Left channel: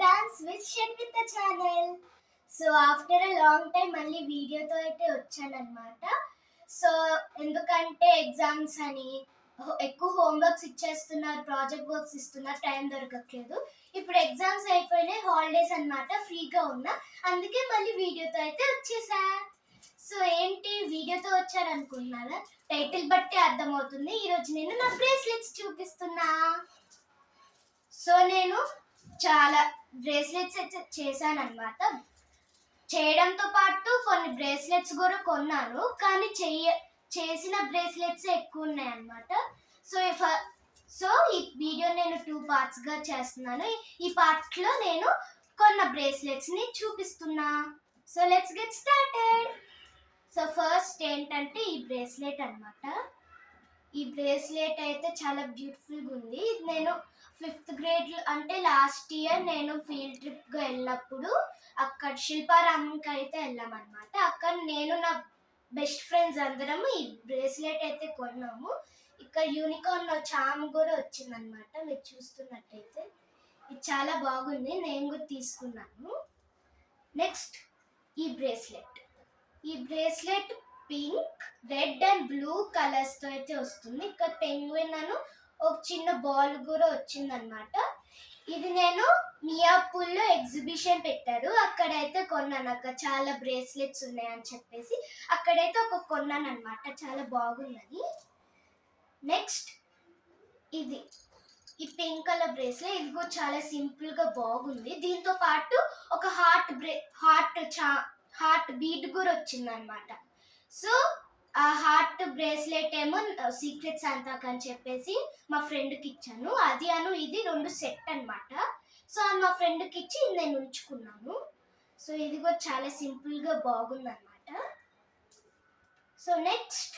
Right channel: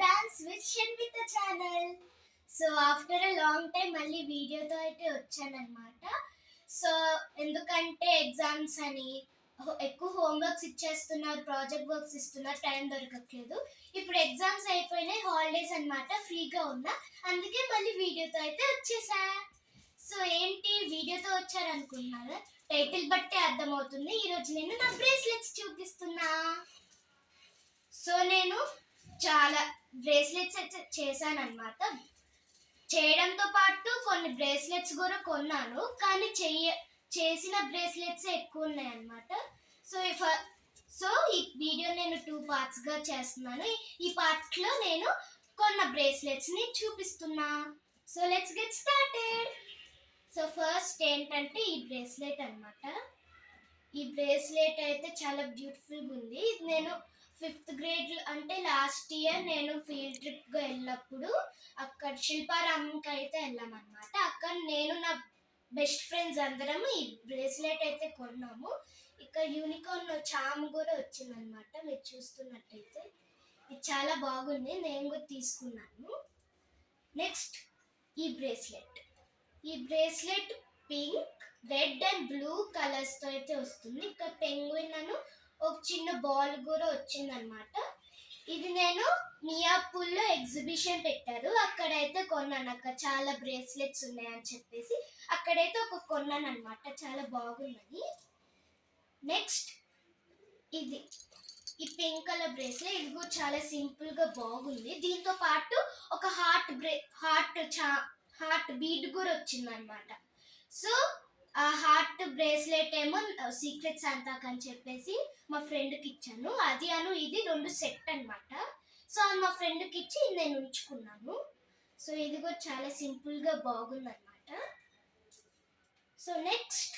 Dance with Sharmita channel. So after a long time మళ్ళీ వీడియోతో అయితే వచ్చానన్నమాట. సో ఎందుకంటే ఎగ్జామ్స్ అని ఎక్కువ హోంవర్క్స్ ఇచ్చేస్తున్నారు, ప్రాజెక్ట్ వర్క్స్ ఇస్తున్నారు, టైం దొరకట్లేదు. ఇప్పుడు ఎగ్జామ్స్ అయిపోయినాయి, హాలిడేస్ అన్నమాట, ఫ్రీగా ఉన్నా, అందుకే మళ్ళీ వీడియోతో అయితే వచ్చేసా. సో ఏంటి వీడియోతో వచ్చారనుకుంటున్నారా? టైటిల్ బట్టి అర్థమవుతుంది. ఈరోజు నేను నా బ్రేస్లెట్స్ చూపిస్తున్నా. సో నేను చాలా బ్రేస్లెట్స్ అయితే చేశానన్నమాట. చేయడంతో పాటు కొన్ని బ్రేస్లెట్స్ కూడా కొన్నాను, కానీ చేసిన బ్రేస్లెట్స్ ఎక్కువ ఉన్నాయన్నమాట. సో ఈ వీడియో నేను 2 పార్ట్స్గా చేస్తున్నాను. ఈ పార్ట్లో నేను కొన్న బ్రేస్లెట్స్ని చూపిస్తున్నా. So let's get started. So first ఏంటంటే ఈ బ్రేస్లెట్ అన్నమాట. ఈ బ్రేస్లెట్ అయితే చాలా బ్యూటిఫుల్గా ఉంది. ఇది నేను 5th గ్రేడ్ అంటే లాస్ట్ ఇయర్ నేను ఫీల్డ్ ట్రిప్గా వెళ్ళినప్పుడు అక్కడ శిల్పారామంకి అయితే వెళ్ళామన్నమాట. అక్కడ నేను నా బెస్ట్ ఫ్రెండ్స్ అందరము ఈ బ్రేస్లెట్ అయితే కొన్నాము. ఇక్కడ యూనికార్న్ చామ్ కూడా వచ్చిందనమాట. మీరు చూస్తున్నట్టయితే ఇది చాలా బాగుంది, నేను కూడా తీసుకున్నాను. నెక్స్ట్ ఈ bracelet pink, red and blue కలర్స్తో అయితే వస్తుంది. ఇక్కడ పెంగ్విన్ అను ఒక చిన్న బాల్ కూడా వచ్చిందనమాట. ఇది నేను మియాపూర్లో ఎగ్జిబిషన్ పెట్టారు, అక్కడైతే కొన్నాను. అక్కడ చాలా బ్రేస్లెట్స్ ఉన్నాయని చెప్పేసి అక్కడైతే ఒక కొన్నాను అనమాట, చాలా బాగుందని. నెక్స్ట్ ఇది ఈ పింక్ కలర్ బ్రేస్లెట్, ఇది కూడా చాలా సింపుల్గా బాగుంది. దీంతో పాటు ఒక హార్ట్ బీట్ కూడా వచ్చిందనమాట. సో ఆ హార్ట్ బ్రేస్లెట్ ఏమో సీక్రెట్ శాంతాకి అని చెప్పేసి మా ఫ్రెండ్కి ఇచ్చాను. అది ఇది 2 సెట్ అనమాట. సో మా ఫ్రెండ్కి ఇచ్చి నేను ఉంచుకున్నాను. సో ఇది కూడా చాలా సింపుల్గా బాగుందన్నమాట. సో నెక్స్ట్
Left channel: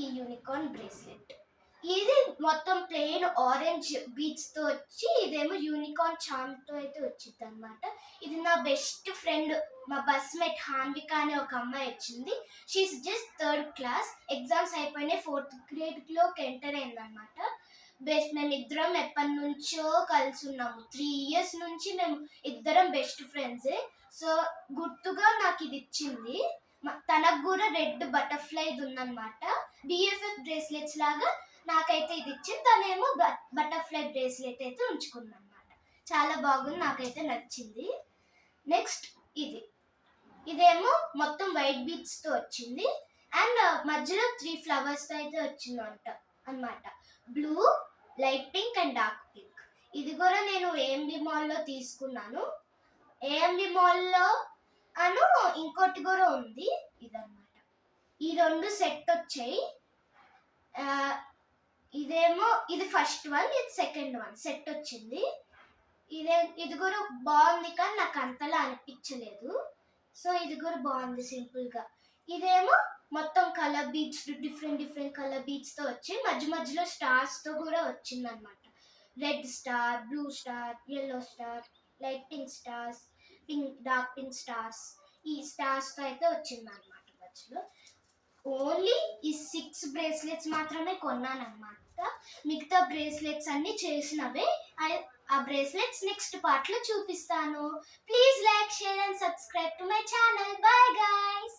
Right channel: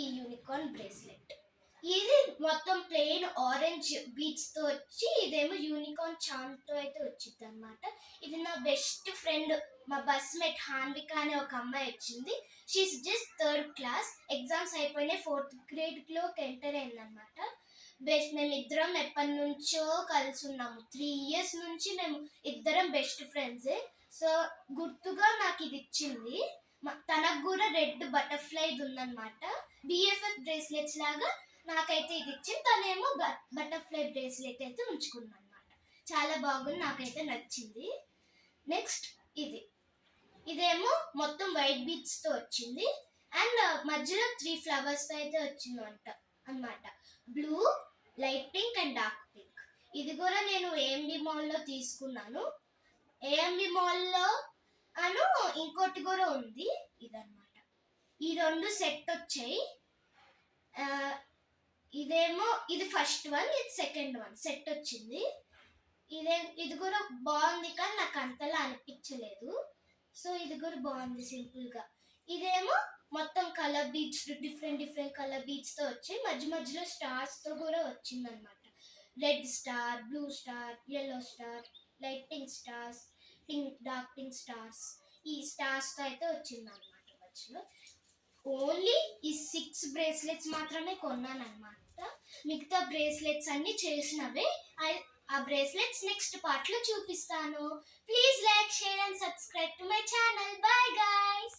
ఈ యూనికార్న్ బ్రేస్లెట్, ఇది మొత్తం ప్లెయిన్ ఆరెంజ్ బీడ్స్తో వచ్చి, ఇదేమో యూనికార్న్ చామ్తో అయితే వచ్చింది అనమాట. ఇది నా బెస్ట్ ఫ్రెండ్, మా బస్మేట్ హాన్విక అనే ఒక అమ్మాయి వచ్చింది. She is just 3rd class. Exams అయిపోయినాయి, 4th గ్రేడ్లోకి ఎంటర్ అయిందనమాట. మేము ఇద్దరం ఎప్పటి నుంచో కలిసి ఉన్నాము. 3 years నుంచి మేము ఇద్దరం బెస్ట్ ఫ్రెండ్సే. సో గుర్తుగా నాకు ఇది ఇచ్చింది. తనకు కూడా రెడ్ బటర్ఫ్లైది ఉందన్నమాట. BFF బ్రేస్లెట్స్ లాగా నాకైతే ఇది ఇచ్చింది. తనేమో బటర్ఫ్లై బ్రేస్లెట్ అయితే ఉంచుకుంది అనమాట. చాలా బాగుంది, నాకైతే నచ్చింది. నెక్స్ట్ ఇదేమో మొత్తం వైట్ బీడ్స్తో వచ్చింది అండ్ మధ్యలో 3 ఫ్లవర్స్తో అయితే వచ్చిందంట అనమాట. Blue, light pink and dark pink. ఇది కూడా నేను AMD మాల్లో తీసుకున్నాను. AMD మాల్లో ఇంకోటి కూడా ఉంది, ఇదన్నమాట. ఈ 2 సెట్ వచ్చాయి. ఇది ఫస్ట్ వన్, ఇది సెకండ్ వన్ సెట్ వచ్చింది. ఇది కూడా బాగుంది, కానీ నాకు అంతలా అనిపించలేదు. సో ఇది కూడా బాగుంది సింపుల్గా. ఇదేమో మొత్తం కలర్ బీడ్స్, డిఫరెంట్ కలర్ బీడ్స్తో వచ్చి మధ్యలో స్టార్స్తో కూడా వచ్చిందనమాట. Red star, blue star, yellow star, light pink stars, dark pink stars, ఈ స్టార్స్తో అయితే వచ్చిందనమాట. మధ్యలో ఓన్లీ ఈ 6 బ్రేస్లెట్స్ మాత్రమే కొన్నానమాట. మిగతా బ్రేస్లెట్స్ అన్ని చేసినవే. ఆ బ్రేస్లెట్స్ నెక్స్ట్ పార్ట్లో చూపిస్తాను. Please like, share and subscribe to my channel. Bye guys.